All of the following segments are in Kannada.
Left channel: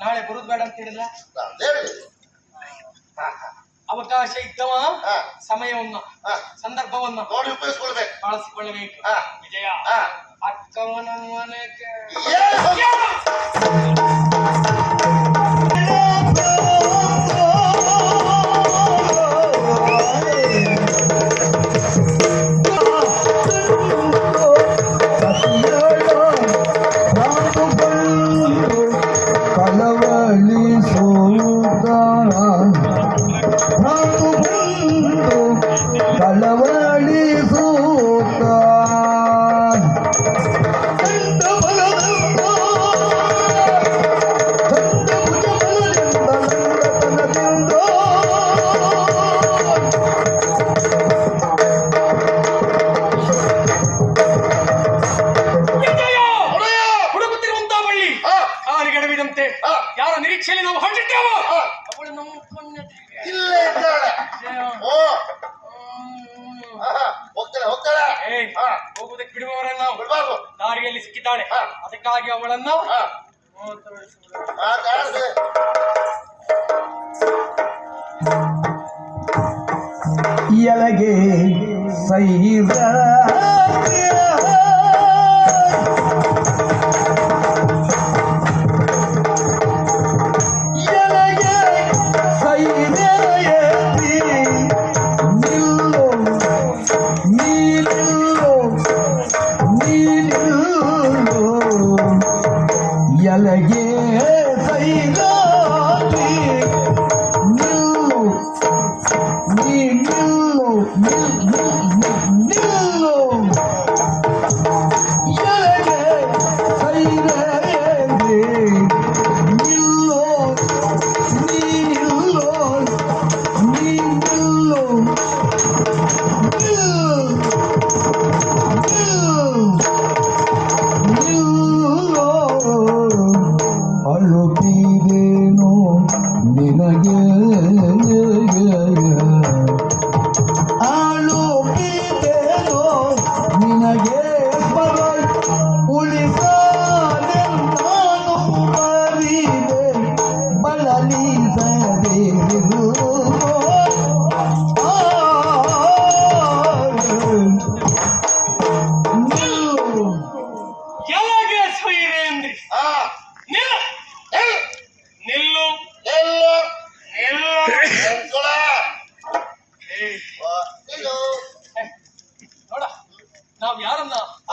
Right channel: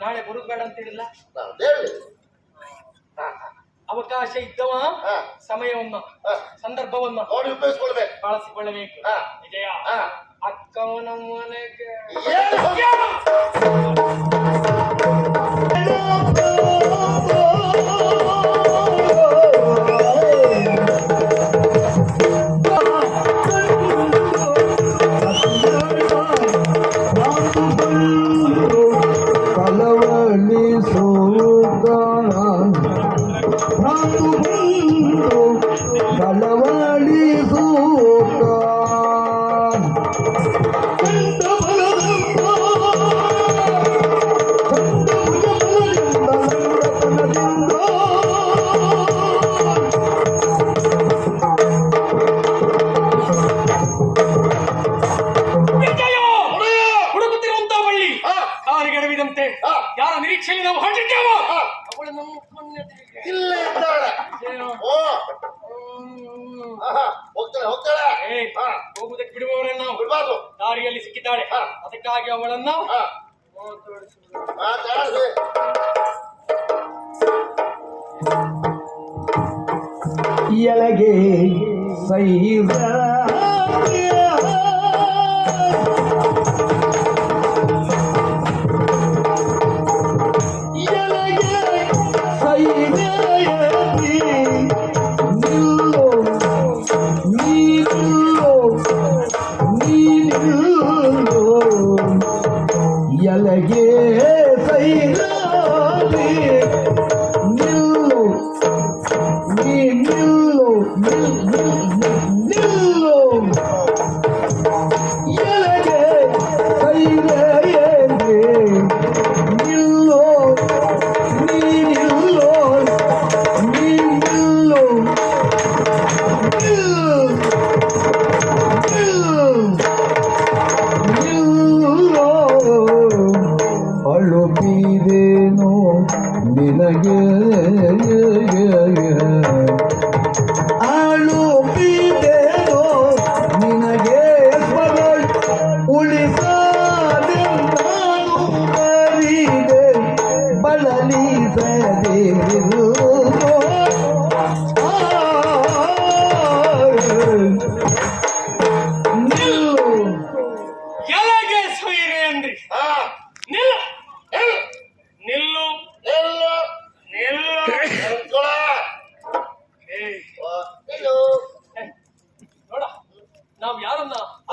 ನಾಳೆ ಬರುದು ಬೇಡ ಅಂತ ಹೇಳಿಲ್ಲ. ಹೇಳಿ. ಅವಕಾಶ ಇದ್ದವ ಸಮಯವನ್ನ ಸಂದರ್ಭವನ್ನ ನೋಡಿ ಉಪಯೋಗಿಸ್ಕೊಳ್ಬೇಕು, ಬಳಸಿಕೊಳ್ಳಬೇಕು. ವಿಜಯ ಅಕ್ಕವನ ಮನೆಗೆ ಯಾರ ನಿರೀಕ್ಷೆಯಲ್ಲಿ ನಾವು ಹೊರಟಿದ್ದೇವ ಅವಳು ನಮ್ಮ ಇಲ್ಲೇ ಇದ್ದಾಳೆ. ಹೋಗ್ತಾಳೆ ಹೋಗುವುದಕ್ಕೆ ಬಿಡುವವರನ್ನ ನಾವು ಬಿಡಬಾರ್ದು. ದಾರಿಯಲ್ಲಿ ಸಿಕ್ಕಿದ್ದಾಳೆ, ಅದಕ್ಕಾಗಿ ಅವಳನ್ನು ಎಲಗೆ ಸೈರ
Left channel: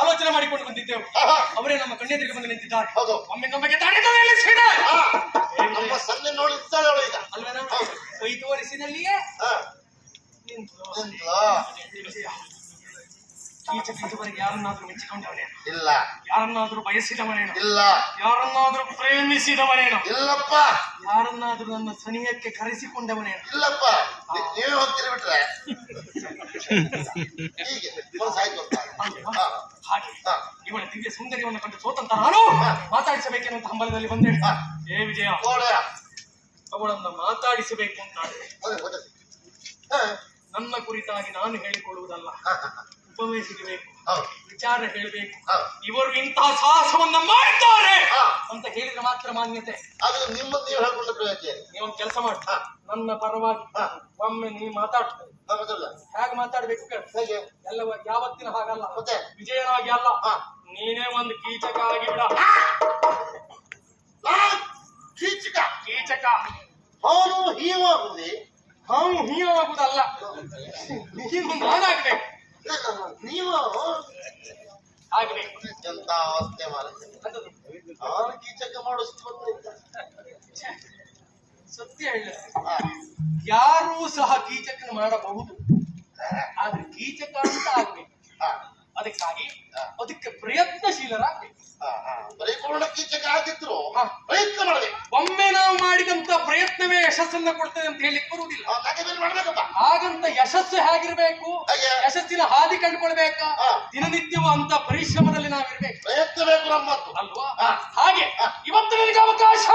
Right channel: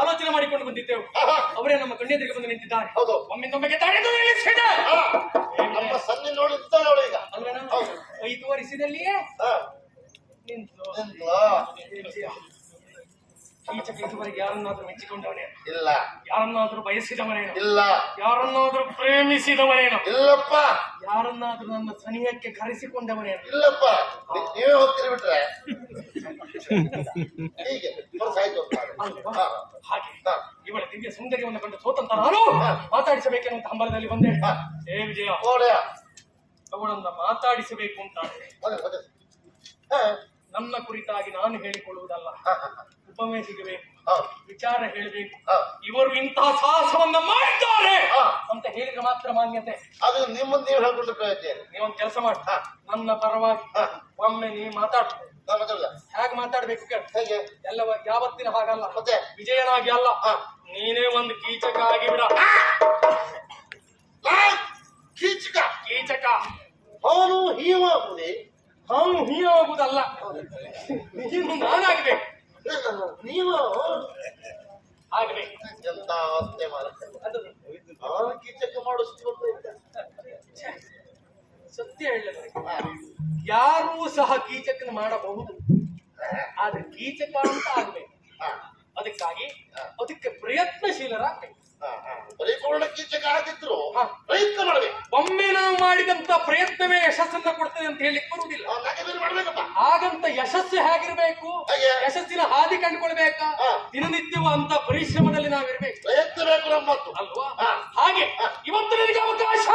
ಆಲೋಚನೆ ಮಾಡಿಕೊಂಡು ಬಂದಿದ್ದೆವು. ಅವರೇ ನಮ್ಮ ಕಣ್ಣೆದುರಿಗೆ ಬಂದು ನಿಂತಿದ್ದಾರೆ. ಒಮ್ಮೆ ನಮಗೆ ಅಲ್ವೇನಾ ಕೈ ತೋರಿಸಿದಲ್ಲಿಯೇ ಕೀಚಕ ಇದುವರೆಗೆ ಯಾರನ್ನಾದ್ರೂ ಮೆಚ್ಚಿಕೊಂಡವನೇನು ಇಲ್ಲ, ಯಾರನ್ನಾದ್ರೂ ಬಯಸಿದವನೇನು ಇಲ್ಲ, ಯಾರನ್ನಾದ್ರೂ ಪ್ರೇಮಿಸಿದವನೇನು ಇಲ್ಲಪ್ಪ, ಯಾರನ್ನಾದ್ರೂ ನನ್ನ ಸನಿಹಕ್ಕೆ ಕರೆಸಿಕೊಂಡವನೇನು ಇಲ್ಲಪ್ಪ. ನೀವೇ ಹೋಗ್ತೀರಿ ಬಿಟ್ರೆ ಹೀಗೆ ಹಾಗೆ ಇವಳ ದಿವ್ಯ ಸೌಂದರ್ಯವನ್ನು ಕಂಡು ಸೋತಂತ ನಾನು ಮಾತಾಡಿಸಬೇಕೆನ್ನುವಂತ ಹಂಬಲದಲ್ಲಿ ಬಂದೆ. ಏ ವಿಜಯ, ಅವಳನ್ನು ಮಾತಾಡಿಸಬೇಕು ಅಂತ ನನ್ನ ಕುರಿತಾಗಿ ನಾನು ಹೇಳಿಕೊಳ್ಳುವುದಲ್ಲ, ಉಪಮೆ ಸಿಗಬೇಕು, ವಿಚಾರ ಹೇಳಬೇಕು. ಇವರು ಇಂತಹ ಸಾಹಸವನ್ನ ಮಾಡಿದ್ದಾರೆ ಅಂತ ಹೇಳಿದ್ರೆ ಮಾತ್ರ ಮಾನ್ಯತೆ. ಅದು ನಿಮ್ಮನ್ನು ನೀವು ಹೇಳ್ಕೊಂಡು ಪ್ರಯತ್ನ. ನೀವೊಂದು ಕೆಲಸ ಮಾಡಿ, ನನ್ನ ಪರವಾಗಿ ಒಮ್ಮೆ ನೀ ಮಾತಾಡ. ಹೇಗೆ ಮಾತಾಡ್ಬೇಕು ಹೇಗೆ? ಎಲ್ಲ ಯಾವತ್ತಿನ ಹಾಗಲ್ಲ, ಮತ್ತೆ ವಿಜಯನಾಗಿ ಅಲ್ಲ, ನೀನೇ ಒಂದು ಕೀಚಕ ಆಗಿ ಬಿಡ. ಕೀಚಕ ಕೀಚಕ ಅವನು ಹೀವಾಗುವುದೇ? ಅವನು ಹೀವಾಗುವುದಲ್ಲ, ನೀನು ನಾನಾಗ್ಬೇಕು. ನೀವು ಆಗ್ಬೇಕು. ಎಂತ ಅವಸ್ಥೆ ಮಾಡುತ್ತೆ. ಅವನು ಕೀಚಕ ಮಾಡೋ ಸತ್ಯ ಹೇಳ, ಯಾರೂ ಸಹ ಕೀಚಕನ ಮಾಡಬಹುದು, ಆದ್ರೆ ಕೀಚಕ ಅಂತ ಆಗ್ಬೇಕು. ಅದಕ್ಕಾಗಿ ಅದಕ್ಕೆ ಪ್ರಯತ್ನಶೀಲರಾಗ್ಬೇಕು. ಪರಿಪೂರ್ಣ ಕೀಚಕ ಆಗಿದ್ರು ಪ್ರಯತ್ನ ಮಾಡಬೇಕು. ಒಮ್ಮೆ ನಾವು ಮಾಡಿದಂತ ಪ್ರಯತ್ನವೇ ಯಶಸ್ಸನ್ನ ಕೊಡ್ತೇವೆ ಅಂತ ಹೇಳಿಕ್ ಬರುವುದಿಲ್ಲ. ಹಾಗಂತ ಯಶಸ್ಸು ಹೇಗಿರ್ಬೇಕು, ಯಶಸ್ಸಿನ ಹಾದಿ ಕಂಡುಕೊಳ್ಬೇಕಾ, ದಿನನಿತ್ಯವೂ ಅಂತ ಪರಿಶ್ರಮದಲ್ಲಿ ನಾವಿರ್ಬೇಕು, ಪ್ರಯತ್ನ ಬೇಕು ನಮ್ಮತ್ತು ಅಲ್ವಾ? ಹಾಗೆ ಇವತ್ತು ನಿನಗೆ ಅವಕಾಶ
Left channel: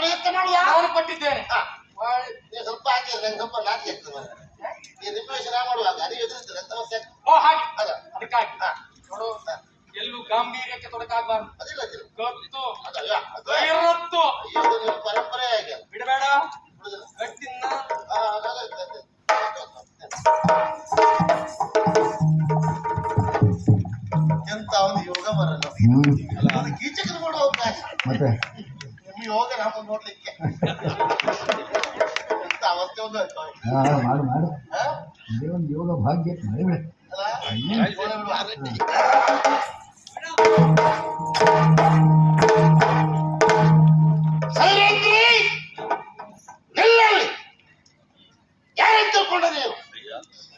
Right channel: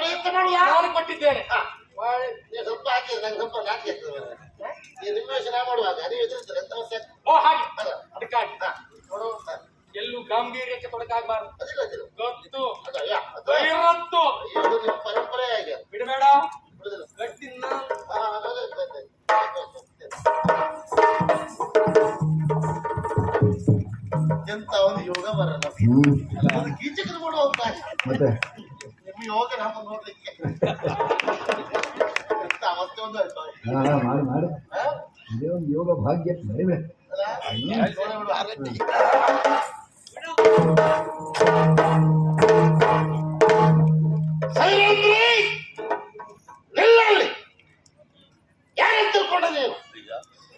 ಪ್ರಯತ್ನ ಮಾಡುವ ನಾನು ಕೊಟ್ಟಿದ್ದೇನೆ. ಸ್ವಲ್ಪ ಹಾಕಿ ಸ್ವಲ್ಪ ನಾಟಿ ರಿಮ್ಯೂಷನ್ ಮಾಡುವಾಗ ಅದೇ ಎದುರಿಸ್ತಾರೆ ಅಂತ ಅವಶ್ಯಕ. ಓ ಹಾಗೆ, ಅದಕ್ಕಾಗಿ ನೋಡು, ಎಲ್ಲೂ ಗಾಂಭೀರ್ಯಕ್ಕೆ ತೊಡಕಾಗಬಾರ್ದು. ಗೊತ್ತು, ಮತ್ತೆ ನಿಮಗೆ ಹೋಗ ನಮ್ಮ ನೋಡ್ಲಿಕ್ಕೆ ಇಂಥ ಅವಸ್ಥೆ ಒಂದು ಆಯ್ತು ಮಾಡು ಮಾಡು ಇದೇ ಒಂದು ಯೋಗ ಭಾಗ್ಯ ಮಾಡಿಬಿಡ ನಿಲ್ಲಲ್ಲಿ ಯಾರನ್ನು ತಿಳ್ಕೊಂಡ ನೀವು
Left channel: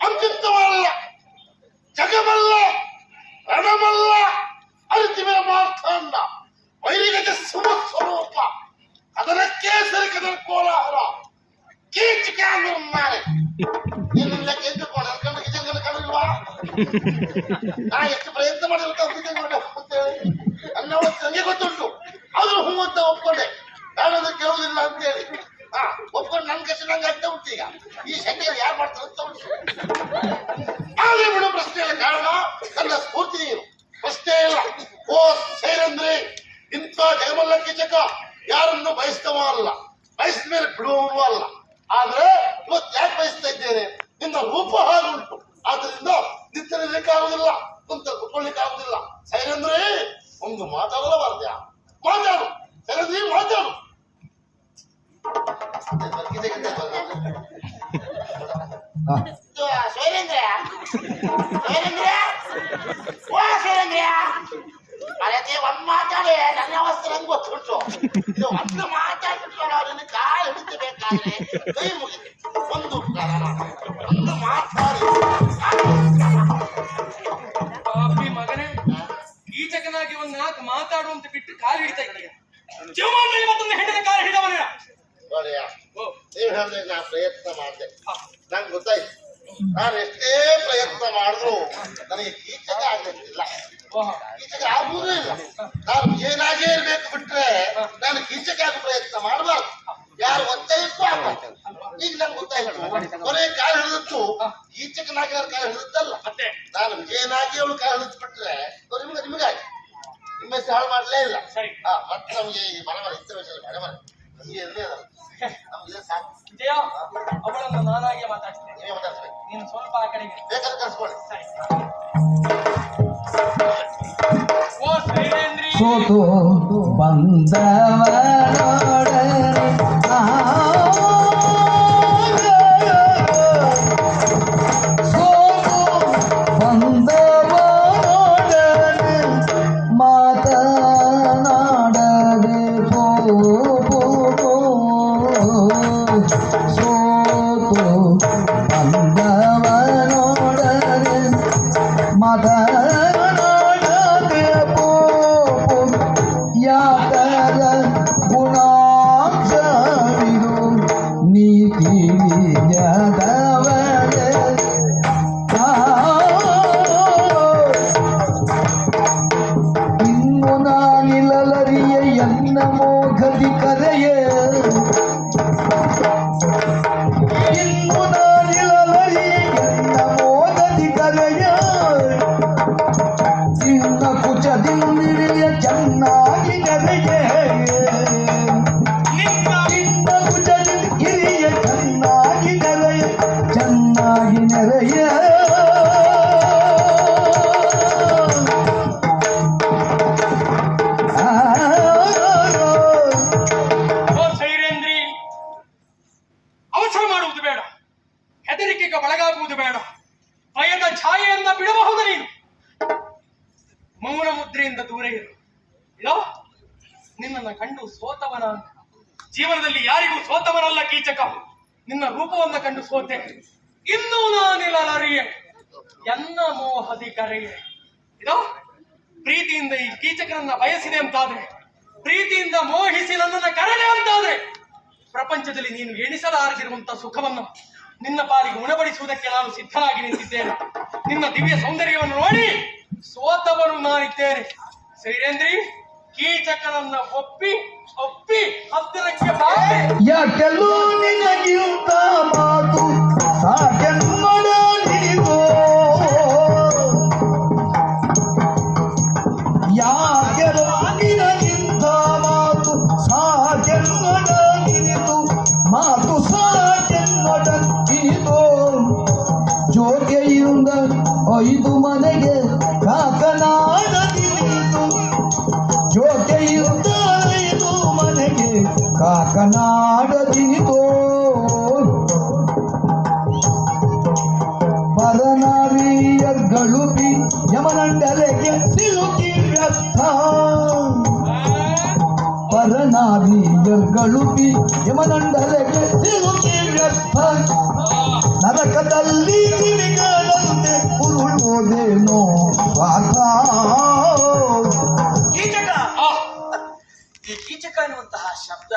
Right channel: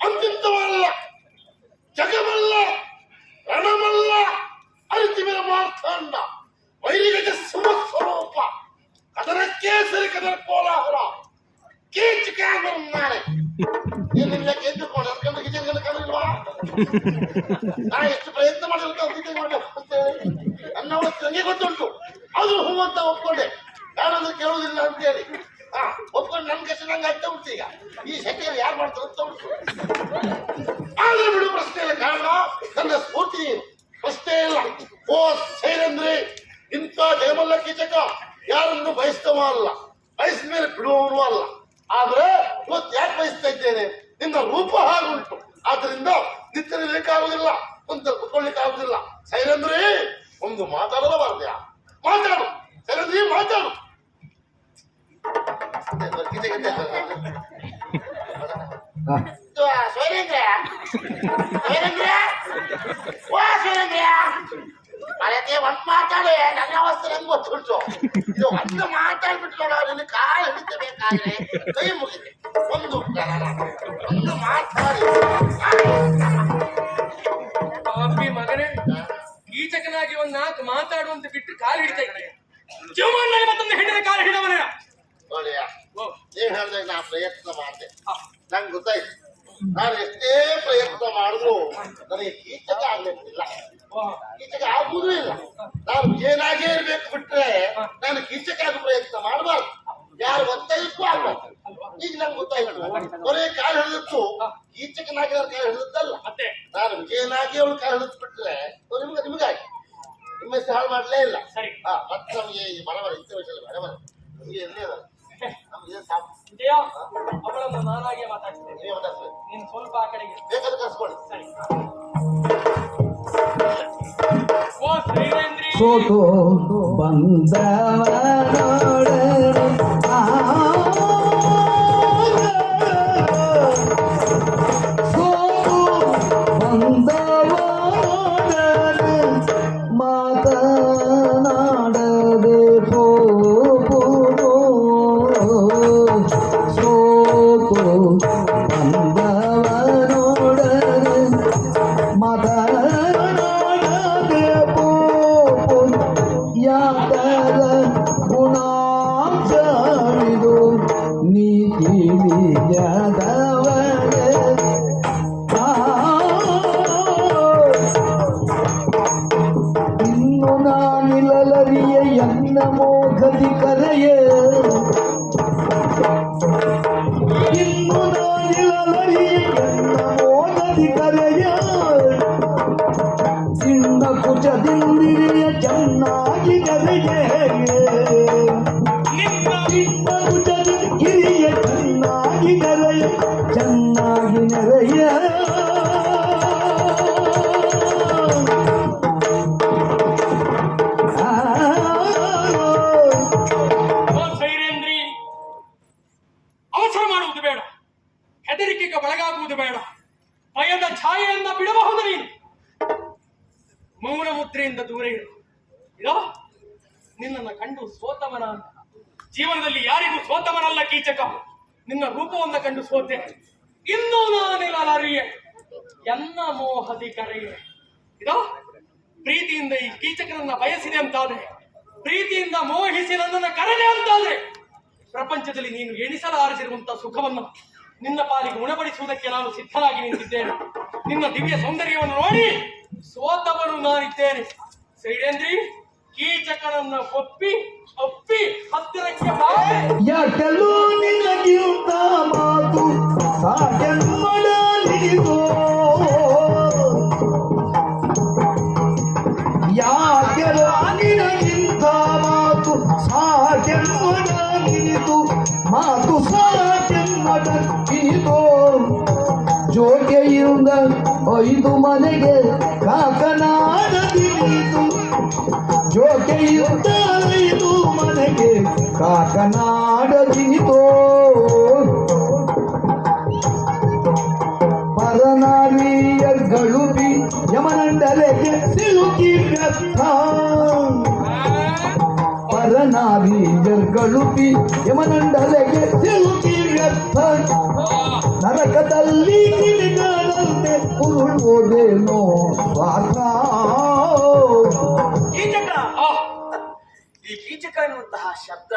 ಅಂತಿಂತವಲ್ಲ ಜಗಮಲ್ಲ ರಣಮಲ್ಲ ಅರಿತಿವಿನ ಮಾರ್ಥಾಂಡ ವೈರಿಗಜ ಸ್ವರೂಪ ಅದನಕ್ಕೆ ಸರಿಕದ ಕೋಲಾಹಲ ಕೀಚಕ ನಿರ್ಮಾಣ ಏನಿಲ್ಲ ಗೆದ್ದುಕೊಂಡು ಅನ್ಕೊಂಡು ಕಿಚನ್ ಕಾಣಿಲ್ವಾ ನಾ ಎಷ್ಟು ಪ್ರಯತ್ನ ಮಾಡಿರ್ತೇವೆ ಅನ್ನೋಳ ನನಗೆ ಗೊತ್ತುಂಟು ಆದ್ರೂ ಹೂ ಅಂತ ಒಪ್ಕೊಂಡೆ ನಾನಂದ್ರೆ ಕೇಳುವುದಿಲ್ಲ ಅಂತೇಳಿ ಒಪ್ಕೊಂಡು ನನ್ ಕಷ್ಟ ನಂಗೆ ಆಗ್ತಾ ಉಂಟು ಈಗ ಈ ಶಕ್ತಿಯಲ್ಲಿ ಯಾರು ಮಾಡ್ತಾರೆ ಅಂತ ಉಂಟು ಆದ್ರೆ ಬಿಡು ಪ್ರಶ್ನೆ ಇಲ್ಲ ಕಾರಣ ನನ್ನ ಸ್ಫೂರ್ತಿ ನೀನು ಪ್ರಶ್ನೆ ಇಲ್ಲ ಓ ಸೇರಂದ್ರೆ ಇಂಥ ಜಗಮಲ್ಲ ಕೀಚಕ ಯಾರನ್ನು ಬಯಸ್ತವ ಅಲ್ಲ ಬಯಸಿದ ಮೇಲೆ ಬಿಡುವವನು ಅಲ್ಲ ಆದ್ರೆ ಇವತ್ತು ಯಾಕೆ ಬಯಸ್ತಾ ಇದ್ದೇನೆ ನಿನ್ನ ರೂಪ ಹಾಗುಂಟು ಆದ್ರಿಂದ ನಿಂತಲಿಕ್ಕಾಗುದಿಲ್ಲ ಕುಂತ ಕುತ್ಕೊಳ್ಳಿಕ್ಕಾಗುದಿಲ್ಲ ಸೈರಂದ್ರೆ ಒಂದು ಮಾತಾಡಲಬಾರ್ದ್ಯಾ ಮಾತಾಡು ಸೈರಂದ್ರೆ ಮಾತಾಡು ಒಂದ್ ಮಾತಾಡಿ ನನ್ನ ಅವಸ್ಥೆ ನಂಗೆ ಗೊತ್ತುಂಟು ಇದು ಒಂದು ಮಾತಾಡ್ಬಿಟ್ಕೊಳ್ಳೋ ನಿನ್ನ ಕಾಲು ಹಿಡಿತಬೇಕಾದ್ರೆ ಕೈ ಮುಗಿದೆ ಒಂದು ಮಾತಾಡಿ ಪಾಪಿ ಮಗನೇ ಕೀಚಕನಾಗಿ ಒಂದ್ ನಾಲ್ಕು ಮಾತಾಡುವಂತ ಬಿಟ್ಟು ಕಾಲು ಹಿಡಿತಾ ಇದ್ದೀಯ ಜೀವಮಾನದಲ್ಲಿ ಮತ್ತೊಂದು ಹೆಣ್ಣಿನ ಕಾಲು ಹಿಡಿದವನ ನೋಡಿ ನೀವ್ ಹೇಳಿದಾಗ ನಾ ಪ್ರಯತ್ನ ಮಾಡಿದೆ ನಂಗೆ ಗೊತ್ತಾಯ್ತು ನಾನು ಎಷ್ಟೇ ಪ್ರಯತ್ನ ಮಾಡಿದ್ರು ನನಗೆ ಕೀಚಕ ಆಗ್ಲಿಕ್ಕಿಲ್ಲ ಕೀಚಕ ಆಗುವುದೂ ಇಲ್ಲ ನಾನು ಏನಾಗೇ ಇರ್ಬೇಕು ಬಿಟ್ರೆ ನಾನು ಕೀಚಕ ಆಗಿ ಪ್ರಯತ್ನ ಮಾಡಬಾರ್ದು ಯಾರು ಒತ್ತಾಯಕ್ಕೂ ಆಗ್ಬಾರ್ದು ಈಗ ನಂಗೆ ಗೊತ್ತಾಯ್ತು ಕೊನೆ ಕಾಲು ಹಿಡಿದತ್ತು ಕೀಚಕನಾಗಿ ಅವ್ರ ಕಾಲು ಹಿಡಿದದ್ದಲ್ಲ ನಾನು ವಿಜಯನಾಗಿ ಅವಳು ಕಾಲು ಹಿಡಿದು ಬಿಟ್ರೆ ನಿಮಗಾಗಿ ನಿಮ್ಮ ಹೆಸರು ಹಾಳು ಮಾಡಲೇ ಇಲ್ಲ ಮತ್ತೆ ನಮಗೆ ಬರಬರ ಇಂಥ ವಿಷಯ ಬರಬರ ನಮಗೆ ಇರಲೇ ಅಲ್ಲ ನಮ್ಗೆ ಸಾಕು ವಿಜಯ ಅವಳನ್ನು ನಾನಾಗೆ ಮಾತಾಡ್ತೇನೆ ನೀವೇ ಮಾತಾಡ್ಸ್ಬೇಕು ನೀನು ಸ್ವಲ್ಪ ಆ ಕಡೆಗೆ ಬೇಕಾದ್ರೆ ಕರ್ಸ್ಕೊಳ್ಳಿ ಸರಿ ಓ ಶ್ರೀರೇಂದ್ರಿ ಸೋತು ಬಂದವರೊಡನೆ ಸೋತು ಬಂದವರೊಡನೆ ಮಾತನಾಡದೆ ಸೋತು ಬಂದವರೊಡನೆ ಮಾತನಾಡದೆ ಯಾತರ ಗುಣಾಂಶವಿದು ನೀತಿ ನಿಜದವಳೆ ಇನ್ನು ನಾನಿಲ್ಲರಿಯ ಎನ್ನ ಮೋಘದಿ ಕರೆಯೇ ಇನ್ನು ನಾನಿಲ್ಲರಿಯ ಎನ್ನ ಮೋಘದಿ ಕರೆಯ ಇನ್ನ ಕುಚದಿಂದಿರಿಯ ಚೆನ್ನಾಗಿ ನೆರೆಯೇ ಇನ್ನ ಕುಚದಿಂದಿರಿಯ ಚೆನ್ನಾಗಿ ನೆರೆಯ ಚೆನ್ನಾಗಿ ನೆರೆಯ ಓ ಸೈರೇಂದ್ರಿ ಅವಸರ ಮಾಡುವುದು ಬೇಡ ಹೆದರಿಕೆಗೆ ಒಳಗಾಗುವುದು ಬೇಡ ಭಯದ ಛಾಯೆಯನ್ನ ಬಿಡಬಹುದು ನೀನು ಮೌನ ಮುದ್ರೆಯಿಂದ ದೂರ ಇರು ಇರೋ ನಿನ್ನನ್ನು ಕಂಡು ಸೋತವನ ಅಂತ ಜೀವನದಲ್ಲಿ ಯಾರಿಗೂ ಸೋತವನಲ್ಲ ಕೀಚಕ ನಿನ್ನ ರೂಪವನ್ನ ಕಂಡು ಸೋತೆ ಇನ್ನೂ ನಾನಿಲ್ಲರಿಯೆ ಎನ್ನ ಮೋಹದಿ ಕರೆಯೆ ಇದೋ ಪ್ರೀತಿಯಿಂದ ಈ ಕೀಚಕನನ್ನ ಬಯಸಿದೆ ಅಂತಾದ್ರೆ ಪ್ರೀತಿಯಿಂದ ಮೋಹಿಸಿ ನನ್ನನ್ನು ಕರೆದೆ ಅಂತಾದ್ರೆ ಪ್ರಪಂಚದಲ್ಲಿ ನೀನು ಎಣಿಸಲಾರದಿರುವಂತ ಸುಖವನ್ನು ನಿನ್ನ ಪಾಲಿಗೆ ಉಣಬಡಿಸುವುದಕ್ಕೆ ನಾನು ಸಿದ್ಧನಾಗಿ ನಿಂತಿದ್ದೇನೆ ನಿನ್ನ ದಿವ್ಯ ಸೌಂದರ್ಯವನ್ನು ನೋಡಿ ಸೋತವರು ನಾನಿದ್ದೇನೆ ಸೈರೇಂದ್ರಿ ಕೀಚಕನನ್ನ ಒಪ್ಪಿ ಹತ್ತಿರಕ್ಕೆ ಬಾರೆ ಯಾಕೆಲ್ಲೂ ನಿನಗಿಂತ ಮಾತು ಸಾಗೆನ್ನಡಲಿದೋ ಯಾಕೆಲ್ಲ ನಿನಗಿಂತ ಮಾತು ಸಾಗೆನ್ನಡಲಿದು ಮಾತು ಸಾಗೆನ್ನಡಲಿದೋ ಜೋಗೆಯಿಂದ ಐದು ಮನೆಗೆ ಕಾಕನಾಡದಿನಿತು ಜೋಗೆಯಿಂದ ಕಾಕನಾಡದಿನಿತೋ ಪರನಾರಿಯರ್ಗಳು ಯಮನಂಡಲೆಗೆ ಸಿಲುಕಿ ವ್ಯರ್ಥ ಪರನಾರಿಯರ್ಗಳು ಯಮನಂಡಲೆಗೆ ಸಿಲುಕಿ ವ್ಯರ್ಥ ನರಕದಲ್ಲಿ ಕಿಡಿಗಾದಂತೆ ಉರುಳುವುದೇನೋ ಸ್ವಾರ್ಥ ಕೀಚಕ ಈ ಕೀಚಕ ಎನ್ನುವಂತಹ ಶಬ್ದ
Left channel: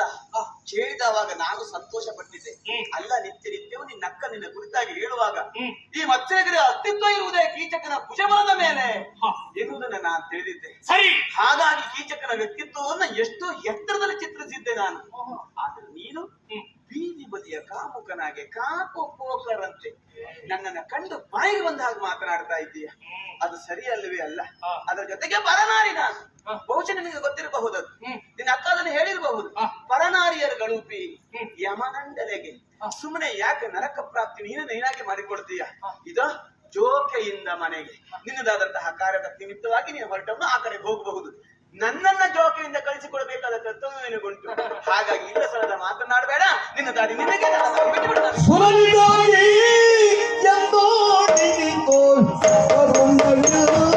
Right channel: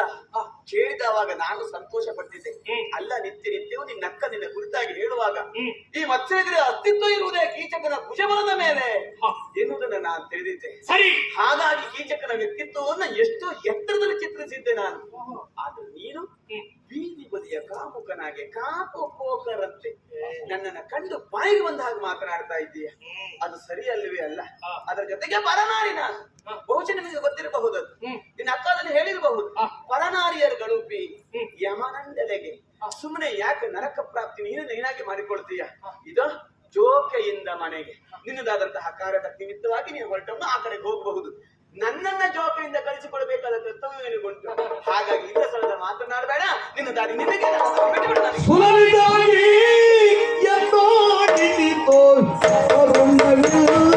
ಕೇಳಿದವಾಗ ನಾನು ಸಂತೋಷ ಪಟ್ಟಿದ್ದೆ. ಅಲ್ಲ ನಿತ್ಯವೂ ನಿನ್ನಕ್ಕ ನಿನ್ನ ಕುರಿತಾಗಿ ಹೇಳುವಾಗ ಈ ಮತ್ಸ್ಯಗಿರಿ ಅಸ್ತಿತ್ವ ಇರುವುದೇ ಕೀಚಕನ ಭುಜಬಲದ ಮೇಲೆ ಎನ್ನುವುದನ್ನ ನಾನು ತಿಳಿದಿದ್ದೆ. ಸರಿ, ಹಾಗಾಗಿ ಕೀಚಕನ ವ್ಯಕ್ತಿತ್ವವನ್ನ ಎಷ್ಟು ಎತ್ತರದಲ್ಲಿ ಚಿತ್ರಿಸಿದ್ದೆ ನಾನು. ಆದ್ರೆ ನೀನು ಬೀದಿ ಬದಿಯ ಕಾಮುಕನಾಗೆ ಕಾಪು ಕೋಕರಂತೆ ನನ್ನನ್ನ ಕಂಡು ಬಾಯಿಗೆ ಬಂದ ಹಾಗೆ ಮಾತನಾಡ್ತಾ ಇದ್ದೀಯ. ಅದು ಸರಿಯಲ್ಲವೇ ಅಲ್ಲ. ಅದರ ಜೊತೆಗೆ ಪರನಾರಿ ನಾನು. ಬಹುಶಃ ನಿನಗೆ ಗೊತ್ತಿರಬಹುದು, ನಿನ್ನ ಅಕ್ಕದಲ್ಲಿ ಹೇಳಿರಬಹುದು. ಪರನಾರಿಯರ ಗಳುಪಿ ಯಮನಂಡಲೆಗೆ ಸುಮ್ಮನೆ ಯಾಕೆ ನರಕ ಪ್ರಾಪ್ತಿ ನೀನಾಗಿ ಮಾಡಿಕೊಳ್ತೀಯ? ಇದು ಜೋಕೆಯಿಂದ ಮನೆಗೆ ನಿನ್ನದಾದಂತಹ ಕಾರ್ಯದ ನಿಮಿತ್ತವಾಗಿ ನೀನು ಹೊರಟವನು ಆ ಕಡೆಗೆ ಹೋಗಬಹುದು. ನನ್ನನ್ನ ಜೋಕೆಯಿಂದ ಕಳಿಸಿಕೊಡಬೇಕಾದ ಕರ್ತವ್ಯ ನಿನಗುಂಟು. ಹಾಗಾಗಿ ಇಲ್ಲ ಸಲದ ಮಾತನಾಡಬೇಡ. ನಿನ್ನ ದಾರಿ ನಿನಗೆ, ನನ್ನ ದಾರಿ ಬಿಟ್ಟು ಬಿಡು ನನಗೆ. ಸುರಳಿಗಾಗಿ ಎಂದೋಡಿದಿತೋ ಕರುಣವಿಲ್ಲ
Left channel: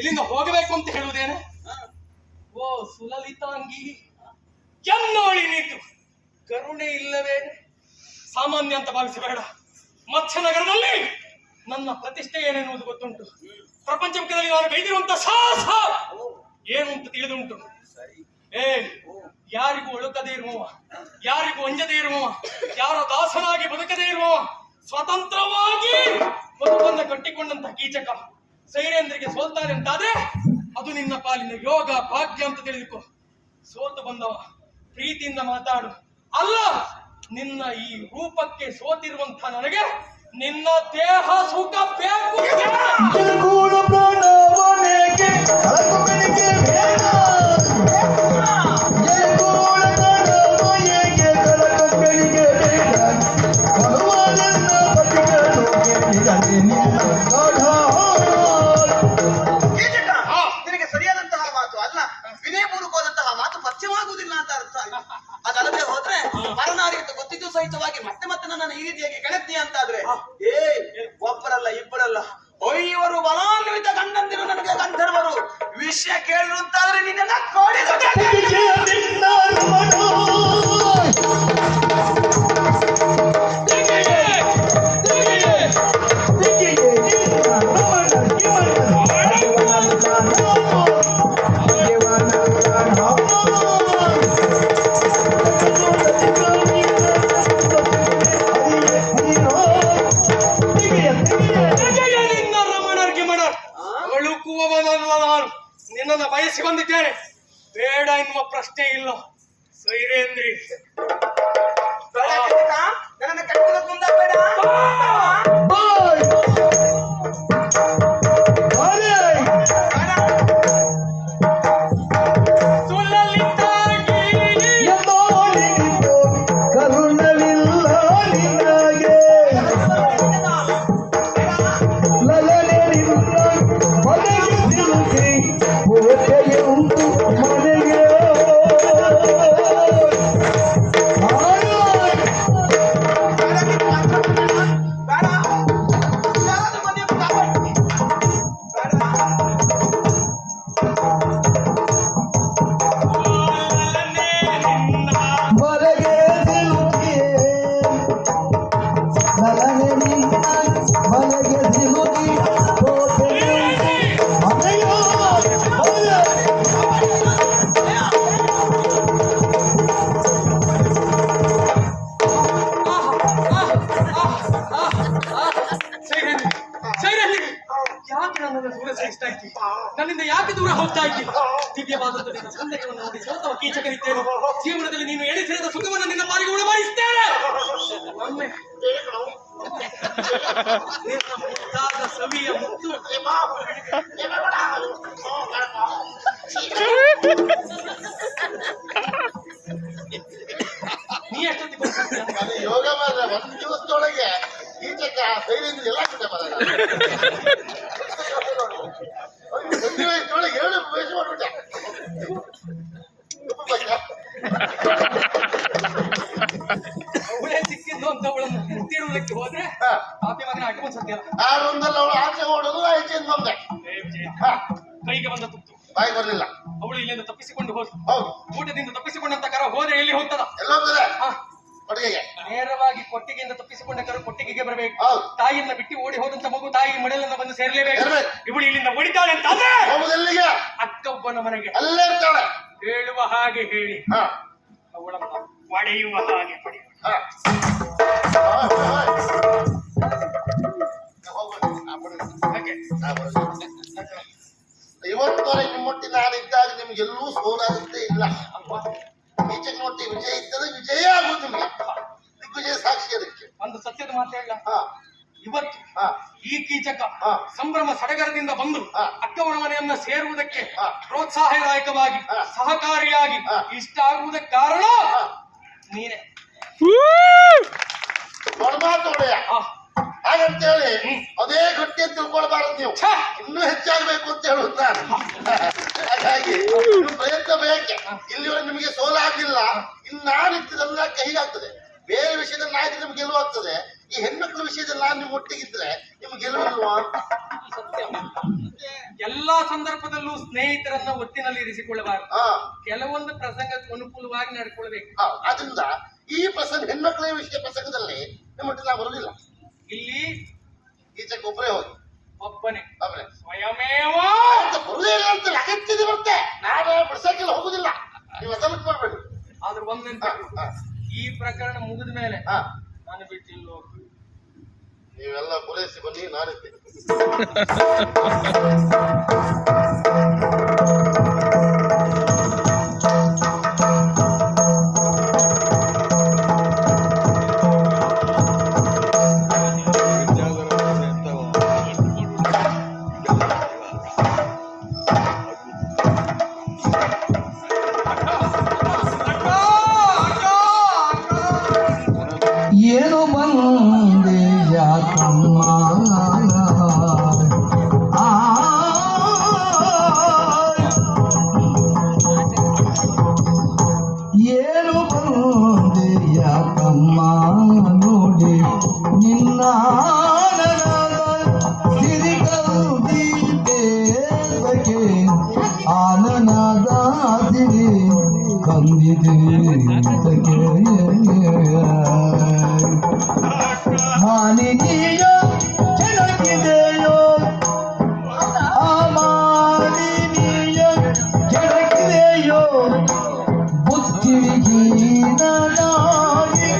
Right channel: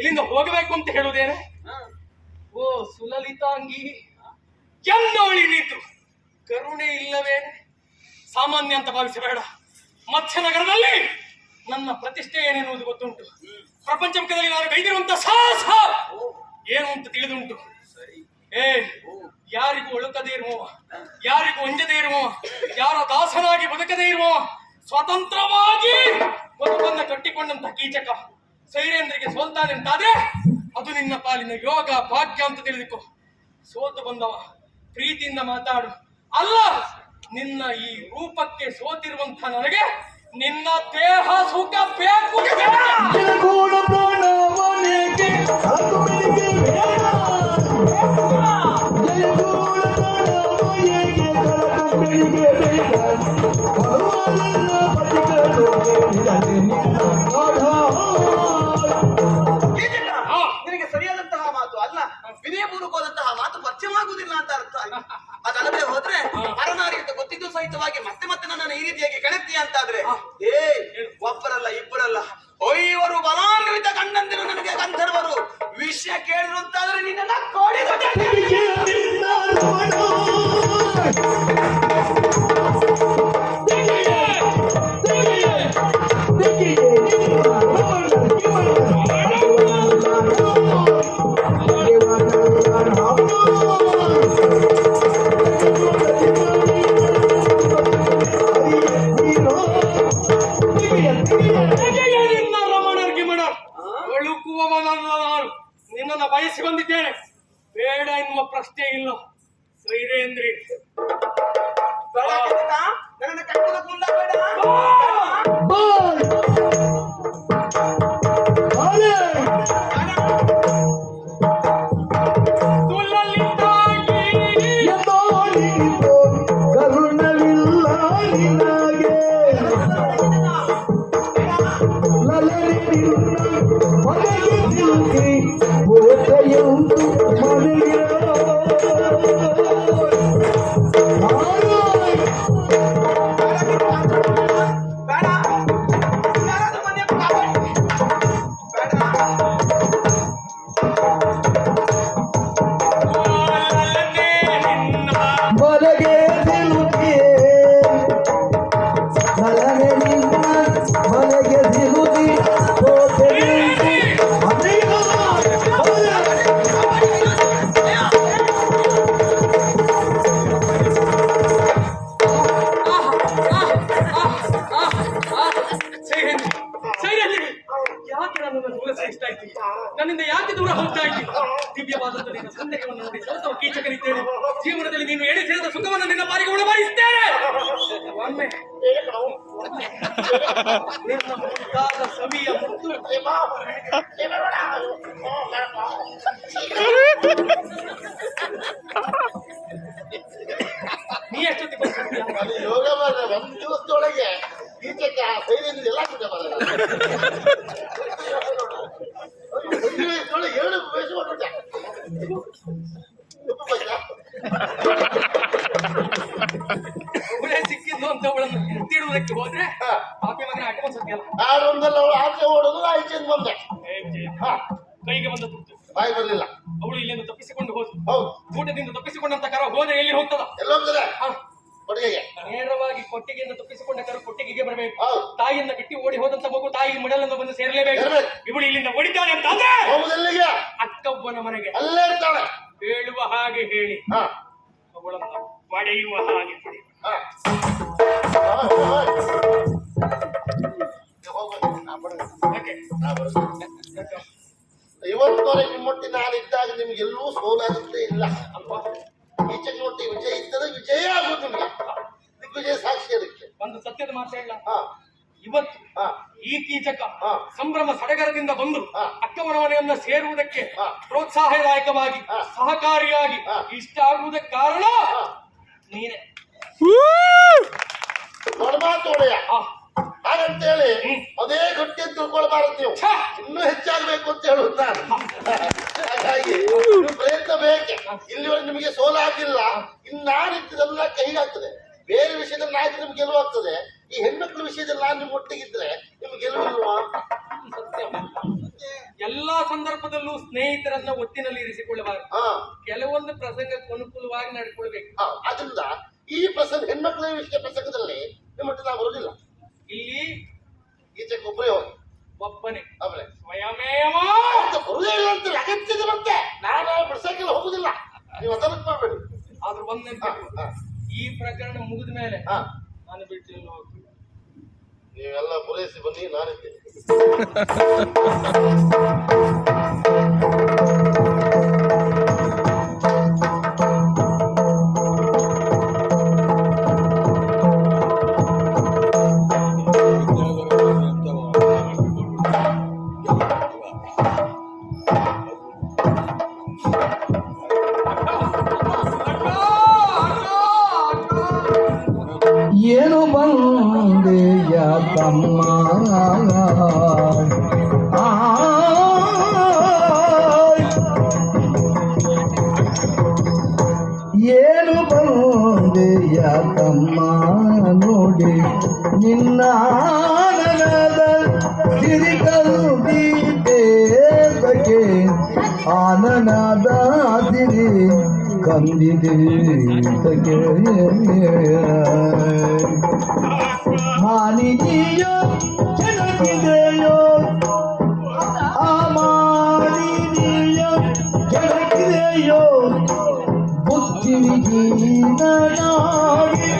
ಇಲ್ಲಿಂದ ಹೋಗಬೇಕು ಅಂತ ಹೇಳುವುದೇನೆ? ಓ ಸುಲಲಿತಾಂಗಿ, ಎನ್ನವಳಿ ನೀತು ಕರುಣೆ ಇಲ್ಲವೇ? ಸಾಮಾನ್ಯ ಅಂತ ಭಾವಿಸಬೇಡ. ಮತ್ಸ್ಯನಗರದಲ್ಲಿ ನನ್ನ ಪ್ರತಿಷ್ಠೆ ಏನೆನ್ನುವುದು ಗೊತ್ತುಂಟು. ಪ್ರಪಂಚ ಮುಖದಲ್ಲಿ ನಾನು ಕೈದಿರುವಂತ ಸಾಹಸ ಏನು ಅಂತ ತಿಳಿದುಂಟು. ಯಾರಿಗೂ ಒಳುಕದೇ ಇರುವವ, ಯಾರಿಗೂ ಅಂಜದೇ ಇರುವವ, ಯಾರ ದಾಸನಾಗಿ ಬದುಕದೇ ಇರುವವ, ಸ್ವತಂತ್ರವಾಗಿ ಬದುಕನ್ನ ಕಟ್ಟಿಕೊಂಡಂತ ಕೀಚಕ ಸೈರೇಂದ್ರಿಗೆ ಸೋಲ್ತಾನೆ ಅಂತಾದ್ರೆ ಅದು ನಿನ್ನ ಪಾಲಿನ ಯೋಗ ಭಾಗ್ಯ ಅಂತ ತಿಳಿದುಕೋ. ಸೋತು ಬಂದವ ಪ್ರೀತಿಯಿಂದ ಮಾತಾಡು. ಅಲ್ಲ, ನಿನ್ನ ಈ ರೂಪಕ್ಕೆ ಸೋತಿರುವಂತ ನನಗೆ ನಿನ್ನ ದೇಹ ಸುಖ ಬೇಕು. ನಿನಗೆ ಸರಿಯಾದಂತಹ ಮಾತು ಅಲ್ಲ, ವಿನಯಪೂರ್ವಕವಾದಂತಹ ಮಾತು ಪಥ್ಯವಾಗುವುದಿಲ್ಲ ಅಂತ ಅರ್ಥ. ಅದಲ್ಲದೆ ಹೋದ್ರೆ ಪರನಾರಿ ಅಂತ ಗೊತ್ತಿದ್ದು ಸಹಿತವಾಗಿ ಮತ್ತೆ ಮತ್ತೆ ನನ್ನನ್ನು ಈ ರೀತಿಯಾಗಿ ಕೆಣಕ್ತೀಯ ಅಂತಾದ್ರೆ ಒಬ್ಬರಲ್ಲ ಇಬ್ಬರಲ್ಲ 5 ಬಲಾನ್ವಿತ ಗಂಡಂದಿರು ನನಗೆ ಗಂಧರ್ವರು ವಿಷಯ ಕೇಳಿರುತ್ತಾದ್ರೆ ನಿನ್ನ ಕೋಡಿದ ನಿನ್ನನ್ನು ಬಯಸಿ ಬಂದಿದ್ದೇನೆ. ಬೇಡ ಎನ್ನುವ ಪ್ರಶ್ನೆ ಇಲ್ಲ. ಸೈರೇಂದ್ರ ದಿವ್ಯವಾದದ್ದು ನಿನ್ನ ಸೌಂದರ್ಯವನ್ನು ನೋಡಿ ಸೋತವ ಕೀಚಕನಿದ್ದೇನೆ. ಜೀವನದಲ್ಲಿ ನೀನು ಎಣಿಸಿದ ಸುಖವನ್ನು ನಿನ್ನ ಪಾಲಿಗೆ ಉಳಬಾರಿಸುತ್ತೇನೆ. ಒಮ್ಮೆ ನಿನ್ನ ಮುದ್ದಾದ ಸವಿಯ ಮುತ್ತು ನೀ ಎಷ್ಟೊತ್ತಿಗೆ ಬಂದಿದ್ಯಾ? ಅದು ಯೋಗ ಮಾತ್ರ ಒಂದು ದಿವಸದೊಳಗೆ ಈಚೆಗೆ ಆ ಸೈಲಿಂದ ಎಲ್ಲ ಆಗಿದೆ ಮಾರ್ರೆ. ಒಂದು ದಿವಸದೊಳಗೆ 7 ಪೇಜ್ ಮಾಡ್ಬಿಟ್ಟೆ. ಅವಳೇ ಸಿಕ್ಕಿದ್ದು ಅಂತ ಅವಳನ್ನು ಮುತ್ತಿಡುವುದಕ್ಕೆ ಹೋದ್ರೆ ಪಾಪಿ ಮಗನ ಅಡ್ಡ ಸತ್ಯ ಆರೊಂದಲ್ಲ ಅವಳು ಆಚೆ ಓಡೋದು ಆಚೆಯಿಂದ ಬಂದೆ. ಕೈಗೆ ಬಂದ ತುತ್ತು ಬಾಯಿ ಬರ್ಲಿಲ್ಲ. ಅವಳು ಇಲ್ಲಿಂದ ತಪ್ಪಿಸಿಕೊಂಡು ಹೋದ್ಲು. ಹೌದು, ಊಟದಿಂದ ತಪ್ಪಿಸಿಕೊಂಡಂತ ಕರ ಹೋದ್ರೆ ಎಲ್ಲಿ ಹೋಗ್ತದ? ಎಲ್ಲ ಹೋಗ್ತದೆ ಕೊಡುಗೆಗೆ. ನೇರವಾಗಿ ಕೊಟ್ಟಿಗೆಯಿಂದ ತಪ್ಪಿಸಿಕೊಂಡ ಕರ ಕೊಟ್ಟಿಗೆಗೆ ಬರಬೇಕು. ಹೌದು, ತಾಯಿಯನ್ನ ಬಿಟ್ಟು ಓಡಿ ಹೋದಂತ ಮಗು ತಾಯಿ ಮಡಲನ್ನ ಬಂದು ಸೇರಲೇಬೇಕು. ಇವಳು ಇಲ್ಲಿಂದ ಓಡಿದ್ದಾಳೆ ಅಂತ ಆದ್ರೆ ಹೋಗುದಲ್ಲಿಗೆ ಅಕ್ಕೊಬ್ಬನ ಮನೆಗೆ ಅಲ್ಲೇ ಇರ್ತಾಳೆ. ಹೇಳುವ ಹಾಗೆ ಹೇಳಿ ಹಾ ಅವಳನ್ನ ಪಡೆಯುವ ಹಾಗೆ ಪಡೆಯುವ. ಹಾ ಹಾಗೆ ಇವತ್ತವರೆಗೆ ನಿಮ್ಮೊಟ್ಟಿ ನಾನಿದ್ದಾಗ ನಿಮ್ಗೆಲ್ಲೂ ಸೋಲಾದಂತೆ ಇಲ್ಲ. ಈಚೆಗೆ ಮೊಟ್ಟಿ ವಿಜಯ ಇದ್ದರೆ ವಿಜಯ ಆಗುದು ನಿಮಗೆ. ದಿಗ್ವಿಜಯ ಸಾಕ್ಷಿ ಅದಕ್ಕೆ. ಒಂದು ಸತ್ಯದ ಮಾತು ಹೇಳ, ಹಾ ಇವತ್ತು ಹಾ ಈ ಕೀಚಕ ಹಾ ಸಂಭ್ರಮ ಸಡಗರದಿಂದ ಬಂದು ಹಾ ಅಕ್ಕವರ ಮನೆಯನ್ನ ಸೇರುವುದಕ್ಕೆ ಹಾ ಪ್ರೋತ್ಸಾಹದಾಯಕವಾಗಿ ಹಾ ಸಹಕಾರಿಯಾಗಿ ಹಾ ಇಷ್ಟ ಆಗುವುದಕ್ಕೆ ಕಾರಣ ಹಾ ನೀನೆ. ದೊಡ್ಡಮಾತು ಒಡೆಯ. ಆ, ಹಾಗಂತೇಳಿ ಅದೇ ಗಟ್ಟಿ ಅಂತ ತಿಳ್ಕೊಳ್ಬಾರದು ನೀವು. ಛೆ! ಇನ್ನೂ ಹೆಚ್ಚಾಗಬೇಕು ಅಂತ ಹೇಳುದು ನಾನು. ಹಾಗಾಗಿ ನೀವು ಪ್ರಯತ್ನ ಬೇಕೆ. ಇಲ್ಲಿವರೆಗೆ ನಿಮಗೆ ಸೋಲಾಗಿಲ್ಲ. ಇನ್ನು ನಾನು ಇದ್ದದನ್ನ ಕೈಗಾಗ್ತದೆ. ಬೇರೆ ವಿಷಯದಲ್ಲಿ ನಾಯಿದ್ರೆ ನಿಮ್ಗೆ ಗೆಲುವಾಗ್ತದೆ. ಈ ಹೆಣ್ಮಕ್ಳ ವಿಷಯದಲ್ಲಿ ನಾನು ನಿಮ್ಮ ಒಟ್ಟಿಗಿದ್ರೆ ನಿಮ್ಗೆ ಗೆಲುವಿಲ್ವಾ? ಸತ್ಯ. ಎಲ್ಲಾ ಸಂದರ್ಭದಲ್ಲೂ ಸ್ನೇಹಿತರನ್ನ ಒತ್ತಿನಲ್ಲಿ ಇರಿಸಿಕೊಳ್ಳಬಾರದು. ಹಾ ಕೆಲವೊಂದು ಪ್ರಸಂಗಕ್ಕೆ ಅನುಕೂಲವಾಗಿ ನಡ್ಕೊಳ್ಬೇಕು. ಆದ್ರಿಂದ ಈ ಪ್ರಸಂಗ ಹೆಣ್ಮಕ್ಳ ವಿಷಯ ಪ್ರಸಂಗದಲ್ಲಿ ನಿಮ್ಮೊಟ್ಟಿಗೆ ನಾವು ಬರುದಿಲ್ಲ. ಇಲ್ಲಿ ಈಚೆಗೆ ಒಬ್ಬರೇ ಹೋಗಿ ಒಬ್ಬನೇ ಆಮೇಲೆ ಸ್ವಯಮೇವ ಬರುದೇ ಇಲ್ಲ ಅಂತ ಅಗತ್ಯತೆ ಬರುತ್ತೆ. ನಾನು ಬಿಡ್ಸಕ್ಕೆಲ್ಲ ಹೋಗುದಿಲ್ಲ. ನೀವು ಅದನ್ನು ಮಾಡಬೇಡಿ. ಆದ್ರೆ ಒಂದಂತ ಈ ಪ್ರಕರಣ ಮುಗಿದ ಮೇಲೆ ಹಾ ನಾನು ಬಿಟ್ಟಿಲ್ಲ. ನೀವೆಲ್ಲ ಪೂರೈಸಿ ಬನ್ನಿ, ನಾನಿದ್ದೇನೆ. ಏನು ಬಂದೆ ಯಾಕಮ್ಮ ಏನು ಬಂದೆ ಯಾಕಮ್ಮ ನೋಡಿ ನಿನ್ನ ಸಿರಿಕಲ್ದಿದ್ದೇದಕ್ಕೆ ಆನನದ ಸಿರಿ ಕಂದಿದೆ ಮಾಲಿನೀಯ ಕೆಳಗಿದೆಯೋ ಆ ಮಾಲಿನೀಯ ಕೆಳಗಿದೆಯೋ ಬುದ್ಧಿವಿಹೀನ ನಾಡಿ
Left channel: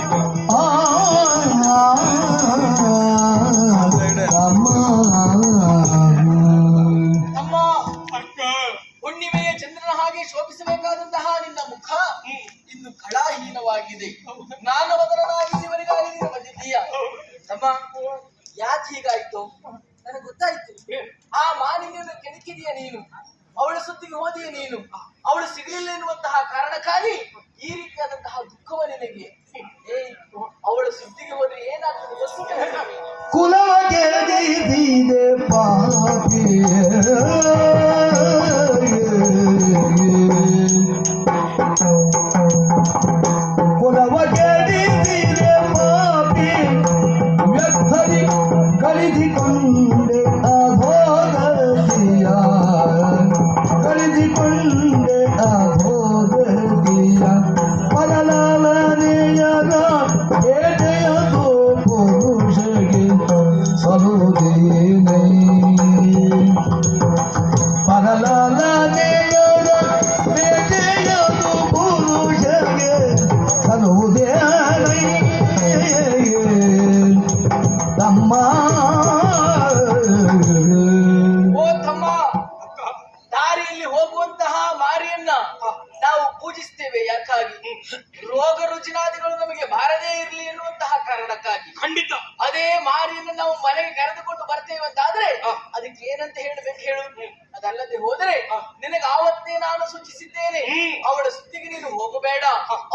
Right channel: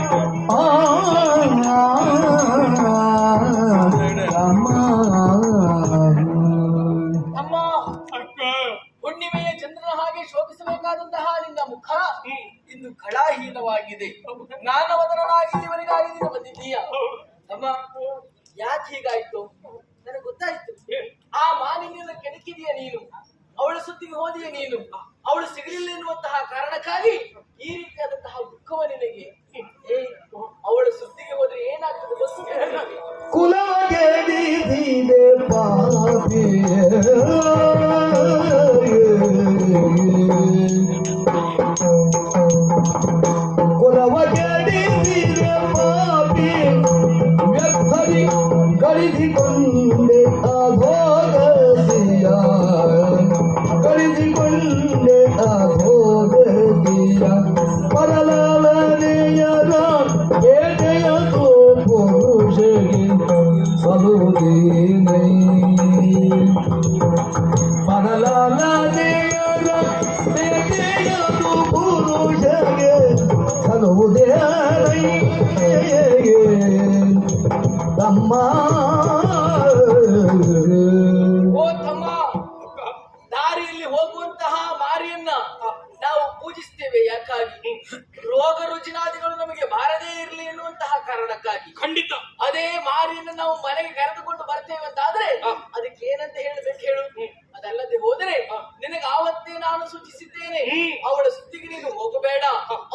ಅಮ್ಮ, ಹುಣ್ಣಿಮೆಯ ಚಂದ್ರನ ಹಾಗೆ ಶೋಭಿಸಬೇಕಾದಂತಹ ನಿನ್ನ ಮುಖ ಇಂದು ಕಳಾಹೀನವಾಗಿದೆ. ಜ್ಞಾನವದನಾಗಿ ಇವರಿಗಾಗಿ ನೀನು ಬಂದಿದ್ದೀಯ. ಅಮ್ಮ, ಯಾಕೆ ಹೀಗಾಯ್ತು ನನಗೆ ಗೊತ್ತಾಯ್ತು. ಆ ಮಾಲಿನ್ಯವನ್ನು ಕೆಣಕಿದೀಯ ನೀನು, ಅವಳ ಸುದ್ದಿಗೆ ಹೋದಿಯ ನೀನು, ಅವಳು ಸಿಗಲಿಲ್ಲ ಎನ್ನುವಂತಹ ಕಾರಣಕ್ಕಾಗಿ ಈ ರೀತಿಯಾದಂತಹ ದುಃಖವ ನಿನಗೆ. ಅವಳ ಸುದ್ದಿಗೆ ಹೋದ್ರೆ ಏನಾಗ್ತದೆ ಗೊತ್ತಿಲ್ಲ. ಕುಲಗೆ ದೀದಿದೆ ಪಾಪಿ ಕುಲವಗೆ ದೀದಿದೆ ಪಾಪಿ ವ್ಯರ್ಥರಿ ಕಳಿಸಿಕೊಂಡೆ ಅಧೋಗತಿಯ ಕಳಿಸಿಕೊಂಡೆ ಅಧೋಗತಿಯ ಪರಲಾಲನೆಯರ ಬೇಟೆಯದು ಪುರುಷಗೆ ಸಲುದೇನೈ ಪರಲಾಲನೆಯರ ಬೇಟೆಯದು ಪುರುಷಗೆ ಸಲುದೇನೈ ತಮ್ಮ ಕಾರಣಕ್ಕಾಗಿ. ಖಂಡಿತ. ಅದೇ ಮಾರಿಯನ್ನು ನಾವು ಮನೆಗೆ ಕರೆದುಕೊಂಡು ಬರ್ತೇವೆ ಅಂತ ಆದ್ರೆ ಅದಕ್ಕೆ ಏನಂತ ಹೇಳ್ಬೇಕು ಹೇಳು. ಅದಲ್ಲದೆ ಹೋದರೆ ನಿನಗೆ ಆವತ್ತೇ ನಾನು ಸೂಚಿಸಿದ್ದೇನೆ, ಅವಳ ಸುದ್ದಿಗೆ ನೀನು ಹೋಗಬೇಡ,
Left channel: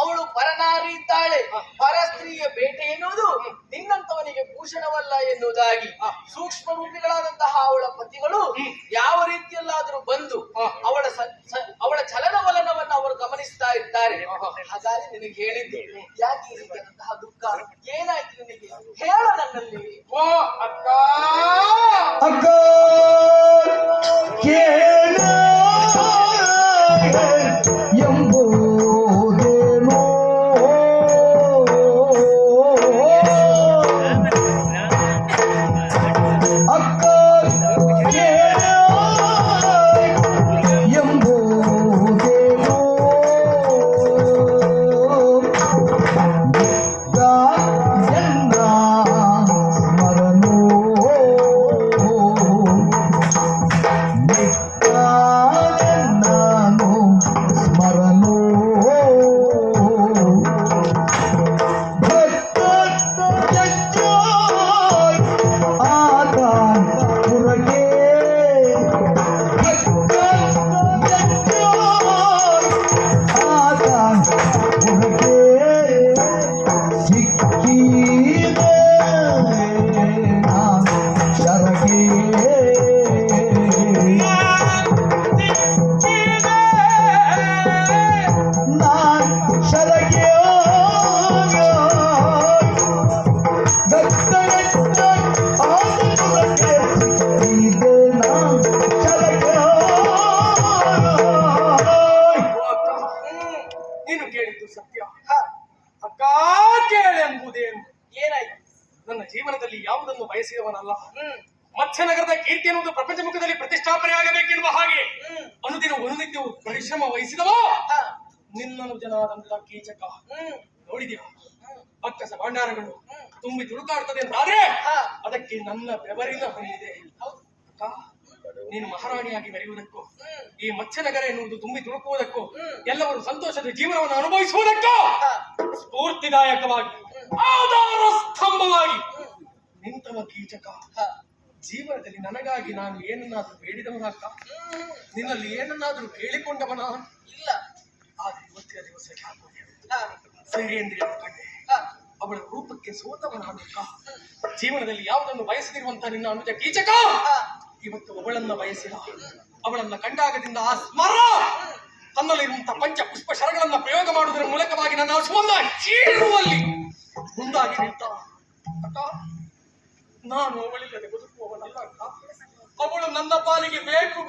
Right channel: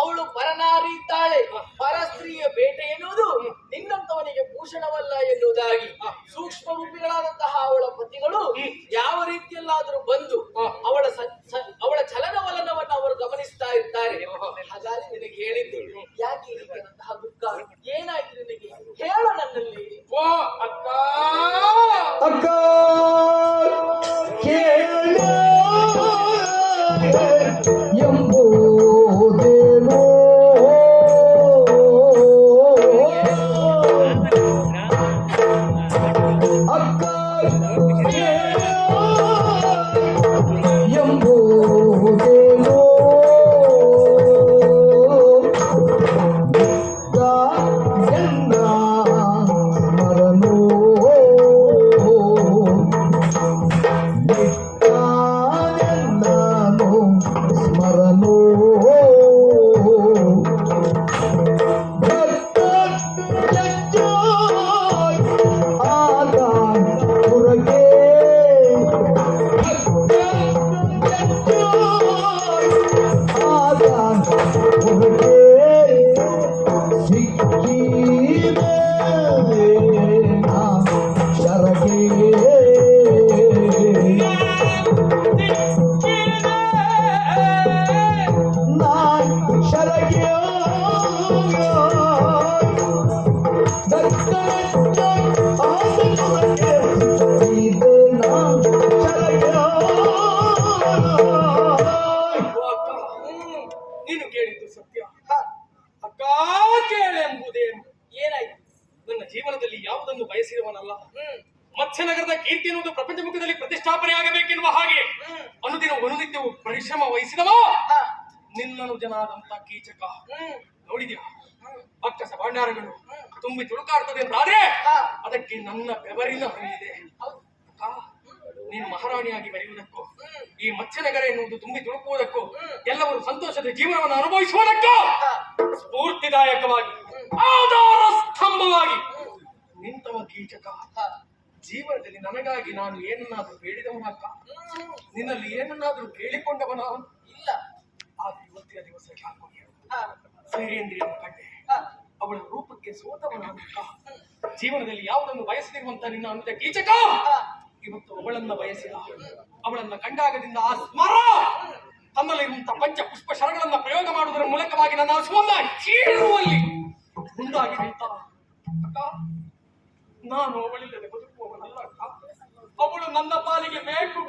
ಅವಳು ಪರನಾರಿ ಇದ್ದಾಳೆ, ಪರ ಸ್ತ್ರೀಯ ಬೇಟೆ ಎನ್ನುವುದು ನಿನ್ನಂತವನಿಗೆ ಭೂಷಣವಲ್ಲ ಎನ್ನುವುದಾಗಿ ಸೂಕ್ಷ್ಮ ರೂಪಿಗಳಾದಂತಹ ಅವಳ ಪತಿಗಳು ಯಾವ ರೀತಿಯಲ್ಲಾದರೂ ಬಂದು ಅವಳ ಚಲನವಲನವನ್ನು ಅವರು ಗಮನಿಸ್ತಾ ಇದ್ದಾರೆ. ಹಾಗಾಗಿ ನಿನಗೆ ಹೇಳಿದ್ದು ಯಾಕೆ ಈ ರೀತಿಯಾದಂತಹ ದುಃಖ, ಏನಾಯ್ತು ನಿನಗೆ ಹೇಳು ನನ್ನಲ್ಲಿ. ಓ ಅಕ್ಕ ಅಕ್ಕ ಕೇಳ ಎಂಬುದೇನೋ ಅಕ್ಕ ಕೇಳ ಎಂಬುದೇನೋ ಗಾಯನ ಸ್ಮರಣೋ ನಿತ್ಯಾನಂದನೋ ಸ್ಮರಣೋ ನೀನು ಕೇಳಿದ್ದು ಸತ್ಯ. ಅಕ್ಕ ಕೇಳೆಂಬುದೇನು? ಏನಾಯ್ತು? ನನ್ನ ಜೀವನದಲ್ಲಿ ಯಾವುದನ್ನು ಬಯಸಿದವನಲ್ಲ. ಮತ್ಸ್ಯನಗರದ ಕೀರ್ತಿ ಎನ್ನುವುದು ಪ್ರಪಂಚ ಮುಖದಲ್ಲಿ ಪ್ರತಿಷ್ಠಾಪನೆ ಆಗಬೇಕೆನ್ನುವ ಹಾಗೆ ಅನುದಿನವೂ ಪರಿಶ್ರಮ ವಹಿಸಿದವ ನಿನ್ನನು ಜನಾದಂತ ಕೀಚಕ. ನೋಡಿದ್ಯಾ, ಅಕ್ಕಸ ಭಂಡಾರಗಳು ತುಂಬಿ ತುಳುಕಾಡ್ತದೆ ಅಂತಾದ್ರೆ ಅದಕ್ಕೆ ನನ್ನ ಬೆವರಿನ ಹರಿಯಿದೆ. ಅಕ್ಕ, ನೀನು ಮಹಾರಾಣಿಯಾಗಿ ಮೆರೆಯುವುದಕ್ಕೂ ಈ ಮತ್ಸ್ಯನಗರ ಎನ್ನುವುದು ತುಂಬಿ ತುಳುಕುವುದಕ್ಕೂ ಎಲ್ಲವರು ಸಂತೋಷದ ಜೀವನವನ್ನು ಅನುಭವಿಸುವುದಕ್ಕೂ ಸ್ಫೂರ್ತಿದಾಯಕವಾಗಿ ಆಧಾರ ಸ್ತಂಭವಾಗಿ ನಿಂತವ ಕೀಚಕ. ಜೀವನದಲ್ಲಿ ನನಗಾಗಿ ನಾನು ಏನನ್ನಾದ್ರೂ ಬೇಡಿದವನಕ್ಕ? ನಿನ್ನಲ್ಲಿ ಏನನ್ನಾದ್ರೂ ಕೇಳಿಕೊಂಡವನ ಇಲ್ಲ. ಆದ್ರೆ ಇವತ್ತಿನ ದಿವಸ ಸೈರೇಂದ್ರಿಯನ್ನು ಕಂಡೆ, ಅವಳ ರೂಪಕ್ಕೆ ಸೋತವನಾನಕ್ಕ. ಜೀವನದಲ್ಲಿ ಯಾವುದನ್ನು ಬಯಸದಿರುವಂತ ನಿನ್ನ ಅನುಜ ಕೀಚಕ ಇವತ್ತು ಅವಳನ್ನ ಬಯಸಿದ. ಅವಳನ್ನ ಕಂಡಾಗದಿಂದ ಆ ಸ್ಮರ ತನ್ನಲ್ಲಿರುವಂತಹ ಪಂಚ ಪುಷ್ಪ ಶರಗಳನ್ನ ಪ್ರಯೋಗ ಮಾಡುವುದರ ಮೂಲಕವಾಗಿ ನನ್ನ ಹಸುವನ್ನ ಕೀಳುವಲ್ಲಿ ಮುಂದಾಗಿ ನಿಲ್ತಾವ. ಅಕ್ಕ, ನಾನು ಅವಳಿಲ್ಲದೆ ಬದುಕುವವನಲ್ಲ ಅಕ್ಕ. ಅವಳು ನನ್ನ ಪಾಲಿಗೆ ಬೇಕು,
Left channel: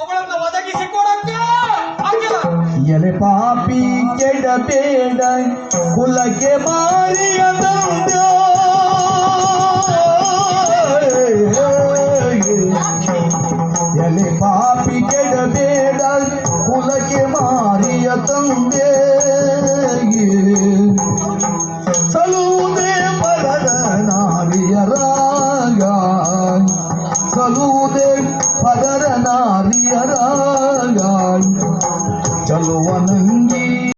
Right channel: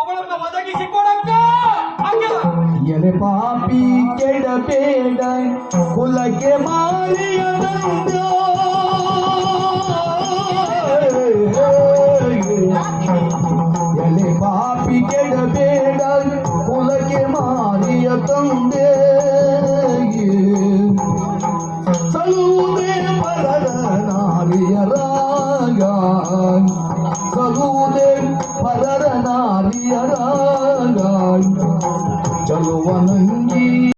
ಅವಳನ್ನ ಒದಗಿಸಿಕೊಡಕ್ಕ. ಎಲೆ ಪಾಪಿ ಕೆಡಬೇಡ ಕುಲಕ್ಕೆ ಮಾರಿಯ ಎಲೆ ಪಾಪಿ ಕೆಡಬೇಡ ಕುಲಕ್ಕೆ ಮಾರಿಯ ತಂದೆ